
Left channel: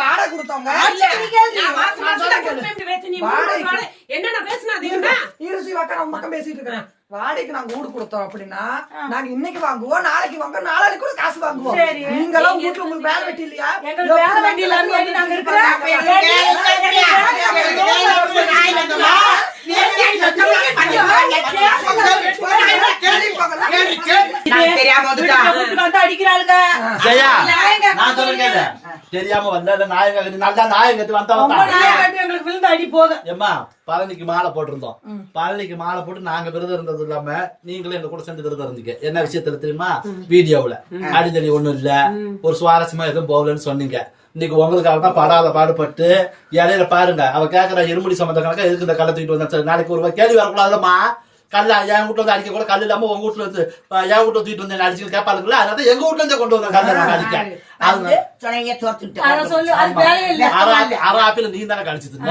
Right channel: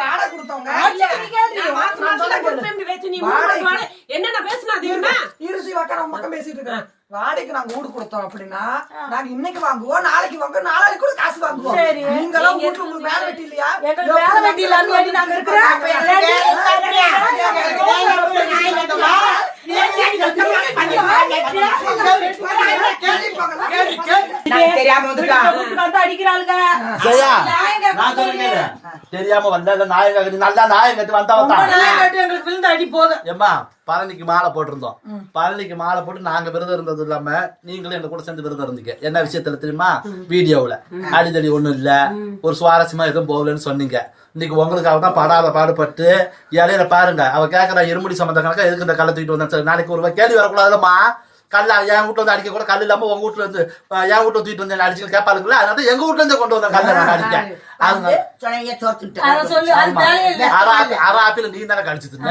வாடகை கொடுத்தவங்க? என்னென்ன பேசுனா தெரியுமா இருசி உக்கார உன் பக்கம் பேசிட்டு இருக்கிறேன். வாடகைக்கு நாங்க வீடு கொடுத்தோம் அப்படின்னா நாங்க இன்னைக்கு வாங்குவோம் நாளைக்கு வாங்குவோம் நாளைக்கு கூட காசு வாங்குவோம் நீங்க எல்லாம் வீட்டுல உங்களுக்கு வேலை வெட்டி இல்லையா தெரியாம வந்து அடிக்கிறாளுங்க தெரியாம வந்தா இல்ல நாயகம் கட்டி நல்லா நாயகம் கட்டி வந்தா வந்தான். கட்டி எங்களுக்கு விழுந்து அடி போதும். ஏம்மா பழனிக்கு மாலை போட்டிருந்தோம். பழனிக்கு மாலை போட்டு நாங்க விரதம் இருந்தது இல்லாம நீங்களும் எங்க கூட சேர்ந்து விரதம் இருந்தீங்க. என்ன விஷயத்துல தெரியுமா? வீடியோவுல. அடிதடி ஒண்ணும் இல்ல. ஒரு சுவாரஸ்யமா எதுவும் போகலன்னு சொன்னீங்க. இன்னைக்கு உங்களுக்காக தான் படாத பாடுபட்டு இடையில பாருங்க. அவ கேக்குற இருமுடி சம்பந்த கணக்கா எதுக்கு இந்த கல்லை தூக்கிட்டு வந்தா சரி, நாளைக்கு ஒரு கேள்வி வரக்கூடாதுமா கல்ல என் வீட்டுல வந்து அடிக்க கூட கல் இல்லாம உங்க வீட்டுல இருந்து அஹ், என் வீட்டுல தூக்கிட்டு வந்து அடிச்சு கேட்பாருங்களா அதனால எங்க வீட்டுல இருந்து கொண்டு வந்தேன் கல்லை நான் அடிக்க. அரை ஆப்பி- அரை ஆப்பிள் நீ தானே முட்டாய்.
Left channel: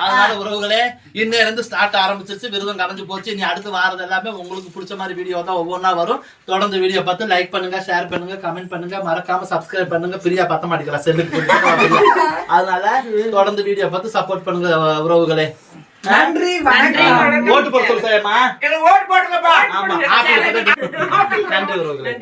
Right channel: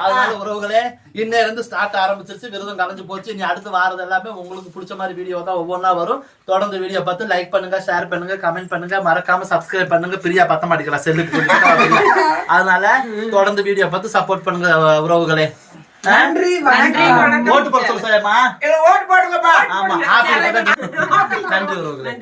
அதனால உறவுகளே இன்னையில இருந்து ஸ்டார்ட் ஆரம்பிச்சிருச்சு. விருதம் கரைஞ்சு போச்சு. நீ அடுத்து வாரது எல்லாமே உங்களுக்கு பிடிச்ச மாதிரி வீடியோ தான் ஒவ்வொன்றா வரும். தொடர்ந்து வீடியோ பார்த்து லைக் பண்ணுங்க ஷேர் பண்ணுங்க கமெண்ட் பண்ணுங்க. மறக்காம சப்ஸ்கிரைப் பண்ணுங்க பிரியா பத்த மாட்டேங்கிறா செல்லுக்கு அதனால தொடர்ந்து வீடியோ பார்த்து சப்போர்ட் பண்ணுங்க உறவுகளே. நன்றி வணக்கம். ஓட்டு போட சொல்லு சாயம்மா எங்களுக்கு ஓட்டு போடுங்கப்பா. ஆமா நன்றி உறவுகளே.